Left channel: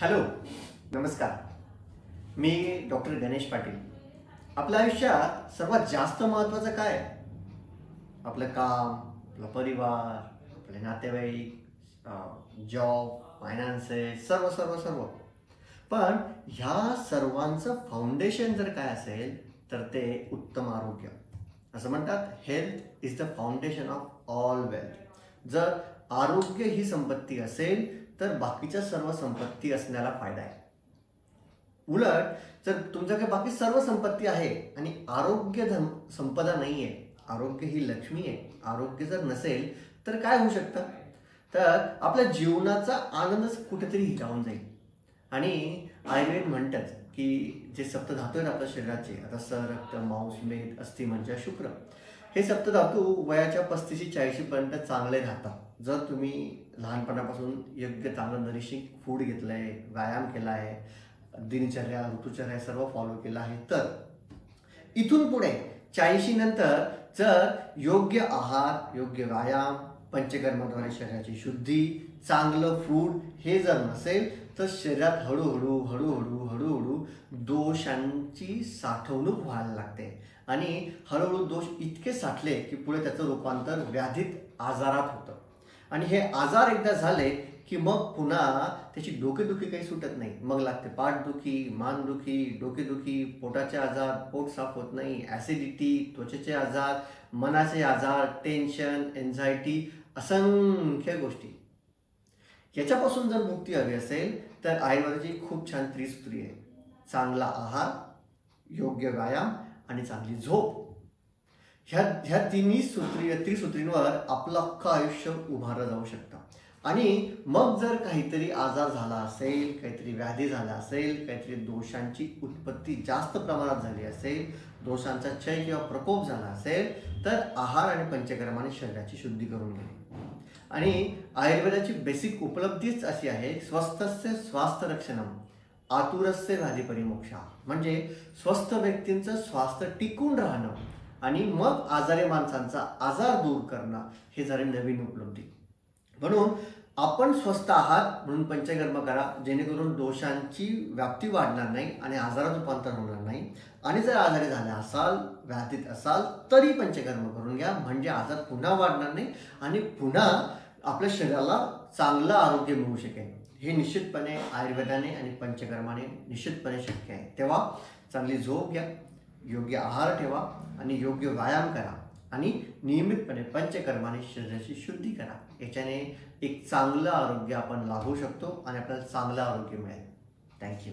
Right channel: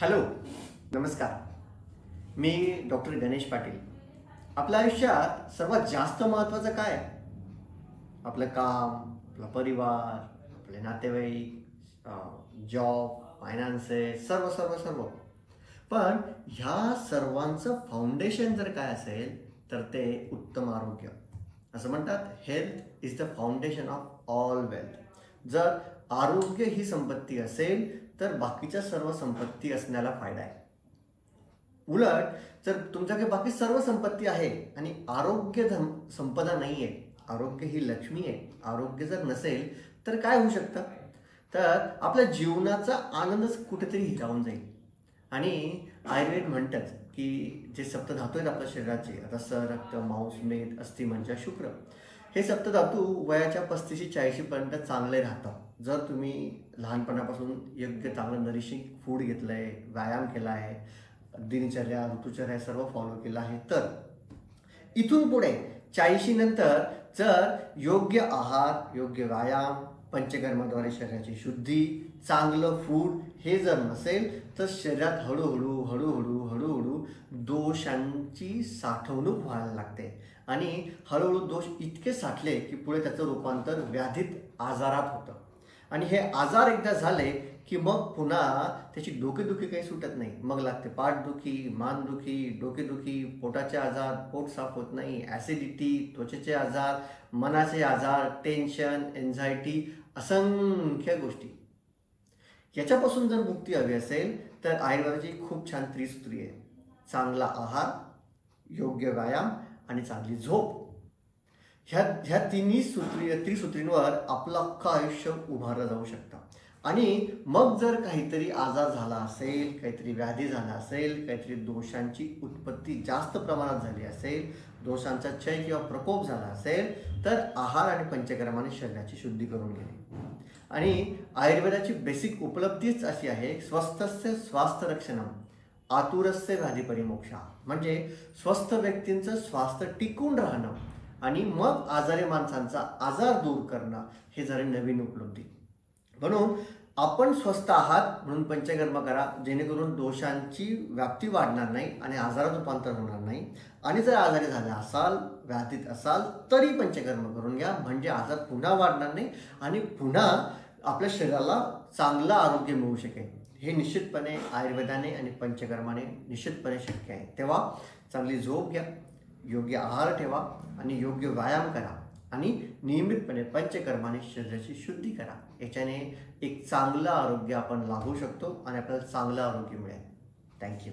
Hello, नमस्कार. मी doctor Ganesh Patil. आपल्या आयुष्यात सर्वात जास्त महत्त्वाचं काय आहे? आपलं काम, आपला परिवार, आपले नातेवाईक, जॉब, फायनान्सेस, सर्व सर्व सर्व. पण ह्या सर्वांचं फाउंडेशन जर काय असेल तर ते उत्तम आरोग्य. असं म्हणतात, health is the foundation of all wealth. जर आरोग्य ही संपत्ती असेल तर बाकीच्या सर्व संपत्ती असण्याला फायदा आहे. उलट जर तुमच्याकडे बाकी सर्व संपत्ती आहे आणि आरोग्य संपदा नाही आहे, आरोग्य ही लक्ष्मी आहे, आरोग्य जर नसेल तर काय होऊ शकतं? तर आपल्या जीवनाचा आनंदच कुठेतरी हिरावून जाईल. आणि आयुर्वेद म्हणतात की जे सप्तधातू आहेत आपल्या शरीराचे, रस, रक्त, मांस, मेद, अस्थि, मज्जा, शुक्र, हे सप्तधातू वयाच्या 35-40 पर्यंत चांगले राहतात. जर तुम्ही लहानपणापासून योग्य चांगलं नरिशिंग फूड घेतलं आहे, व्यायाम केला आहे, दिनचर्या, ऋतुचर्या सर्व फॉलो केलं आहे, तर इथून पुढे 40 नंतर जर योग्य आहार, योग्य व्यायाम, पंचकर्माद्वारे शरीराची शुद्धी, चांगलं फूड हे जर नसेल तर शरीरात हळूहळू हळूहळू हळूहळू दोषांची साठवणूक व्हायला लागते. आणि हळूहळू दोष इतके साठले की पुढे त्याचं रूपांतर व्याधीत, आजारात होतं. आणि हे आजार एकदा झाले की मग पुन्हा त्याची डोकेदुखी काही सुटत नाही. मग लागते पाठदुखी, मानदुखी, डोकेदुखी, पोटाचे आजार, पोट साफ होत नाही, ॲसिडिटी, त्वचेचे आजार, मनाचे आजार, टेन्शन, एन्झायटी, असंख्य गोष्टी. याच्यापासून जर मुक्ती हवी असेल तर आयुर्वेदाची खूप छान त्रिसूत्री आहे. चांगला आहार, योग्य व्यायाम आणि चांगली झोप. ह्या तिन्ही त्रिसूत्रींवर आपलं अख्खं आयुष्य उभारलं जाऊ शकतं. आणि मग जर काहीतरी आजार झाला असेल, काहीतरी व्याधी झाला असेल, काहीतरी दोषांची उत्पत्ती जास्त प्रमाणात झाली असेल, दोषांचा क्षय किंवा प्रकोप झाला असेल, तर आहार आणि पंचकर्माने शरीराची शुद्धी करून घेणे. आणि आयुर्वेदाची बेसिक उपलब्धीच अशी आहे, स्वस्थस्य स्वास्थ्य रक्षणम, आतुरस्य व्याधी परिमोक्षा. म्हणजे स्वस्थ व्यक्तींचं स्वास्थ्य टिकून राहणं आणि मग आजारी माणसांचा आजार दूर करणं हे झाले नवीन उपलब्धी. म्हणून आपण स्वस्थ आहात म्हणून पंचकर्म करा, जेणेकरून दोषांची व्याप्ती वाढणार नाही आणि आजारात रूपांतर होणार नाही. आणि जर आजारी झाले असाल, व्याधीत असाल, तरी पंचकर्म करून घ्या, म्हणजे आजार पुन्हा वाढणार नाही आणि पुन्हा आपल्या शरीराला चांगलं आरोग्य मिळू शकेल. हे निश्चितपणे आयुर्वेदाने आणि पंचकर्माने निश्चितपणे शक्य आहे. तेव्हा चांगली झोप घ्या, योग्य आहार ठेवा आणि योग्य व्यायाम करा आणि नियमितपणे पंचकर्माने शरीराची शुद्धी करा. याच्याने एक चांगलं आरोग्य आपण लाभू शकतो आणि आपल्याला चांगलं आरोग्य मिळेल. थँक्यू.